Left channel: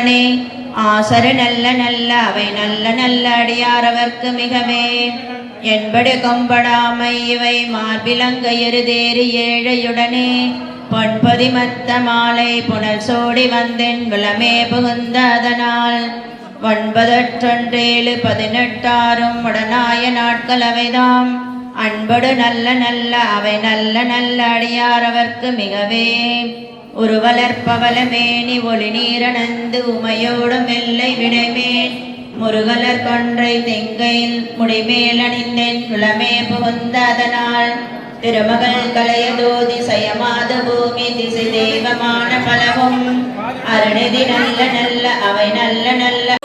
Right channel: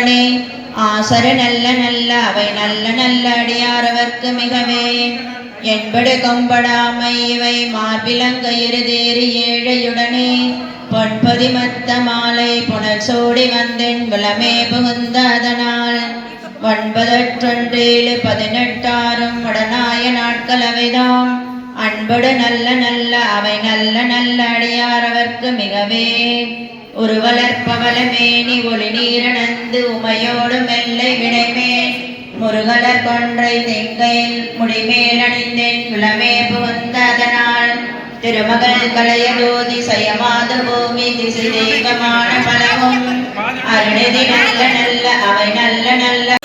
மாசரு நல்ல நல்ல அவை நல்ல நல்ல அடியாரவர்க்கு மிகவே. என்படு கொம்படாமை இவை மார்பிலங்க தேறி ஏழையுடனே. பொன்பதி மத்த மாலை புனல் சோடி வந்தென் புலமே புகுந்த அதனால். ஒன்பதற்றொன்றேழு பதினெட்டாரும் உடனாய நாட்கள் அவைதாம். அன்படு நல்ல நல்ல அவை நல்ல நல்ல அடியாரவர்க்கு மிகவே. ஒரு வளர்ப்பவல மேனி ஒளி நீரணந்து உமையோடு மெல்லை விடைமேல். முருகலர் கொன்றை தெங்கையில் முடிமேல் அணிந்தேன். குலமே புகுந்த அதனால் திருமகள் கலைய ஜோதி சயமாத பூமி திசை தெய்வமான பலவும். அருணதி நல்ல நல்ல அவை நல்ல நல்ல